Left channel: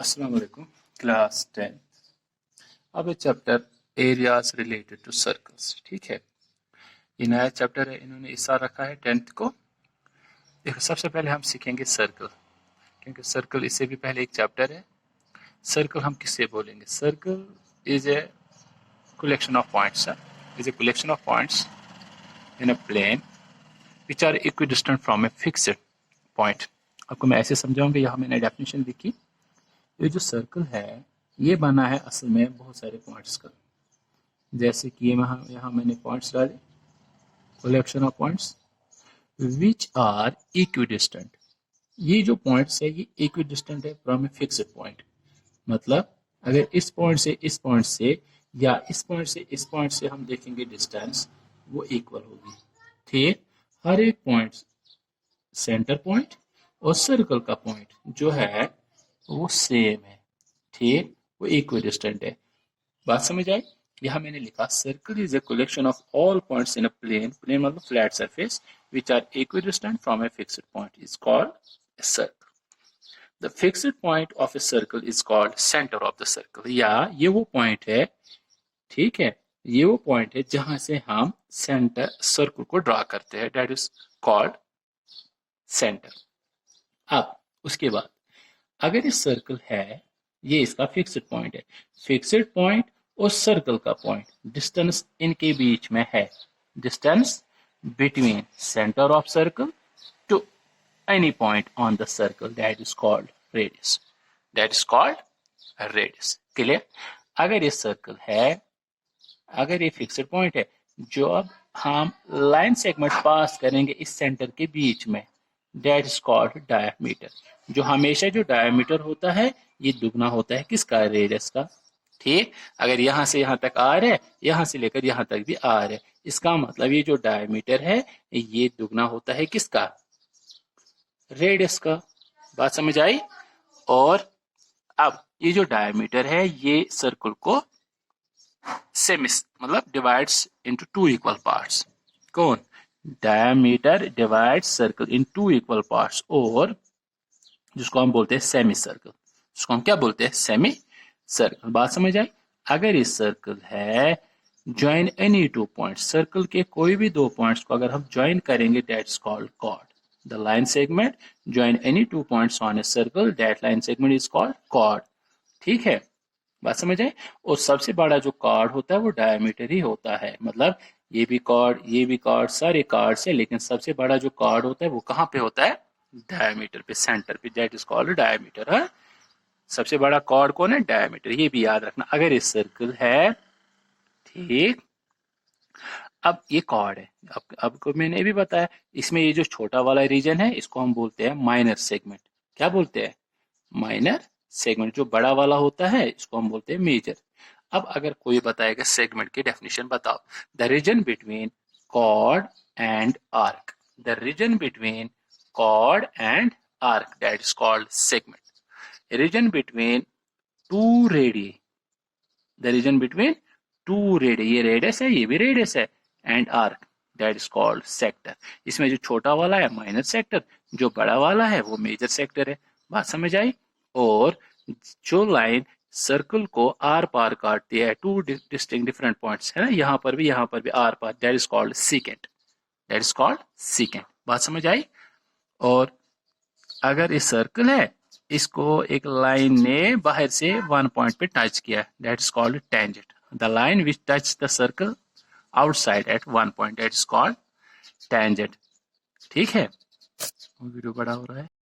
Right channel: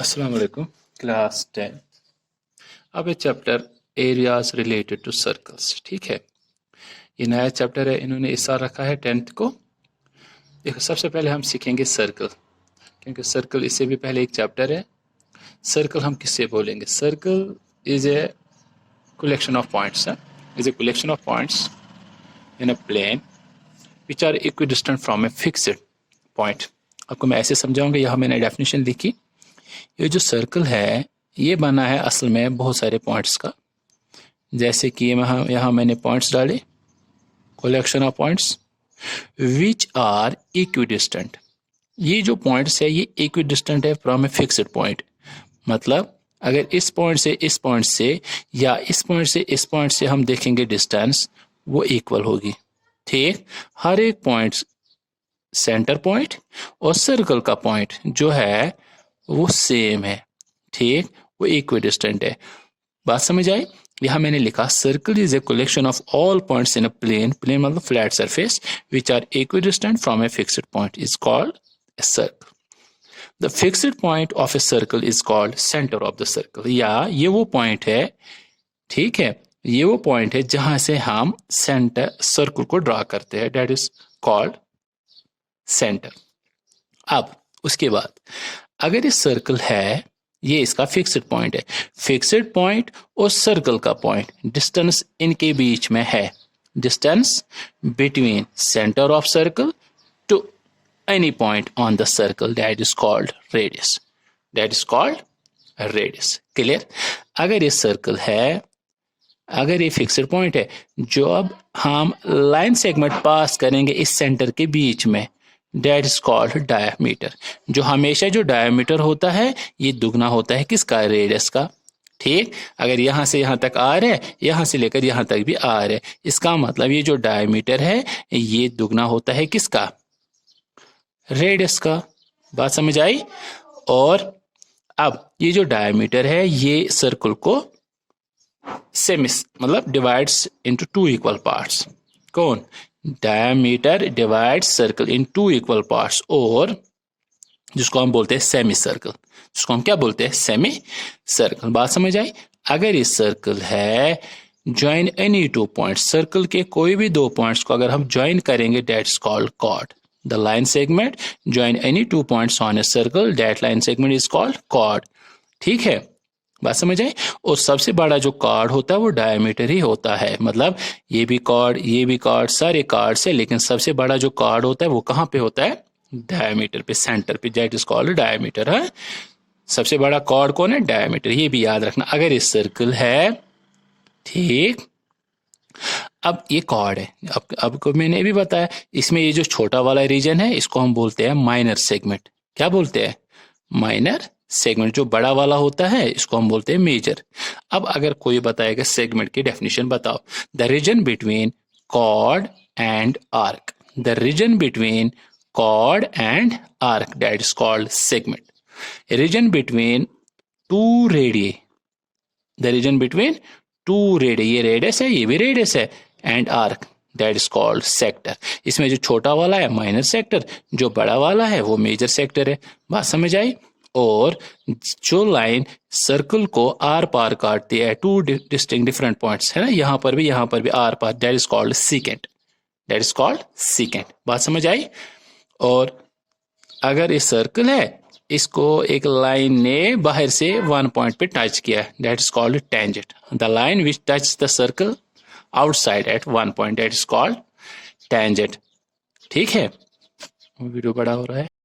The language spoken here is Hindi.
अस्सलाम वालेकुम क्लास 10। अब ये chapter areas related to circles, ठीक है। ये नया चैप्टर है, इन्होंने इस साल रखा है 10th को। देखो, सबसे पहले हम सीखेंगे सर्कल, क्योंकि सर्कल इससे भी पहले एक चैप्टर है। सर्कल हम किससे बोलेंगे? Circle is A collection of points, is a collection of points in a plane which are equidistant from a fixed point। आपको मैं ऐसे समझाऊंगा, यहाँ मैंने डेफिनेशन लिखी। ये जो सर्कल है ये बना है असल में बहुत सारे पॉइंट्स का, जैसे कि यहाँ मैंने पॉइंट्स डाले, collection of points which are equidistant. ये जो पॉइंट्स है ये इक्विडिस्टेंट है फ्रॉम ए फिक्स्ड पॉइंट। मतलब अगर इस पॉइंट से इस पॉइंट से या इस पॉइंट से इस पॉइंट से हम देखेंगे डिस्टेंस, वो इक्वल होगी। ठीक, हर एक पॉइंट, सेंटर पॉइंट और सर्कल का पॉइंट जो है वो सेम है। ठीक, वो इक्विडिस्टेंट है। बात समझ आई? यहाँ मैंने लिखा circle is a collection of all points in a plane, plane मतलब flat surface, which are equidistant from a fixed point is called a circle. The fixed point of a circle is called centre of the circle. या ये वो पॉइंट है, ठीक है, ये वो पॉइंट है जहां से हम सेंटर सर्कल को ड्रा करते हैं, दैट इज कॉल्ड सेंटर। अब उसके बाद अगर ये सर्कल है, ये इसका फिक्स्ड पॉइंट है, फिक्स्ड पॉइंट और सर्कल का पॉइंट, डिस्टेंस इनके बीच में है, distance between centre of circle to any point on the circle, that is called radius, that is called radius। Clear? अगर ये सर्कल है, अगर ये फिक्स्ड पॉइंट है, जो अब हम लाइन सेगमेंट पास करेंगे इस सेंटर के बीच में, that is called डायमीटर। जो हमेशा जो डायमीटर होता है ये दुगना होता है किसका? रेडियस का। ठीक, अगर यहां से यहां तक आर है, यहां से लेकर यहां तक भी आर है, इसका मतलब ये जो डायमीटर है ये दुगना होता है किसका? रेडियस का। बात समझ आई? और अब ये जो डायमीटर है ये सर्कल को सेमिस मतलब divides into two equal parts. कौन? Diameter divides circle in two equal parts, और जिसको हम बोलते हैं सेमी सर्कल। जिसको हम क्या बोलते हैं? Semi circle. बात समझ आई? अगर ये सर्कल है, join any two points, circle के कोई भी दो पॉइंट्स को अगर हम ज्वाइन करेंगे, that's called chord. The line segment join any two points on a circle, that line segment is called chord। ठीक है, बात समझ आई? और सबसे बड़ा जो कार्ड होता है वो डायमीटर ही होता है। मतलब ये भी कार्ड, ये भी कार्ड, सारे कार्ड से, लेकिन सबसे बड़ा जो कार्ड होता है वो कहाँ पे होता है? डायमीटर पे, सेंटर पे, दैट इज कॉल्ड डायमीटर। है, सबसे बड़ा कार्ड कौन है? डायमीटर। ये भी याद रखना। अगर ये सर्कल है, ठीक, अब ये कॉर्ड है। अब को मैंने भी बताया, इसमें ये जो छोटा वाला रीजन है इसको हम बोलते हैं माइनर सेगमेंट। क्या बोलते हैं? Minor segment. जो बड़ा वाला होता है इसको हम बोलते हैं मेजर। अब अगर कोई बताएगा सेगमेंट की डेफिनेशन बताओ, the region between chord and arc, the region between chord and arc, that is called segment. Region between two radius, the region between two radius, ये रेडियस है, ये भी रेडियस है, and arc, that is called sector. इसमें जो छोटा वाला है माइनर सेक्टर, जो बड़ा वाला है वो मेजर सेक्टर है। बात समझ आई? और जो लाइन सर्कल को आर पार काटती है, टू डिस्टिंक्ट डिफरेंट पॉइंट्स है ना, यहाँ पर भी आर पार, that is called secant, that is called secant. बात समझ आई? और अगर ये सर्कल है, इसको एक लाइन ने बाहर से वन पॉइंट पे टच किया, that is called tangent. The line which touch the circle outside eight one point, that is called tangent. ठीक है, वीडियो बड़ा हो रहा है।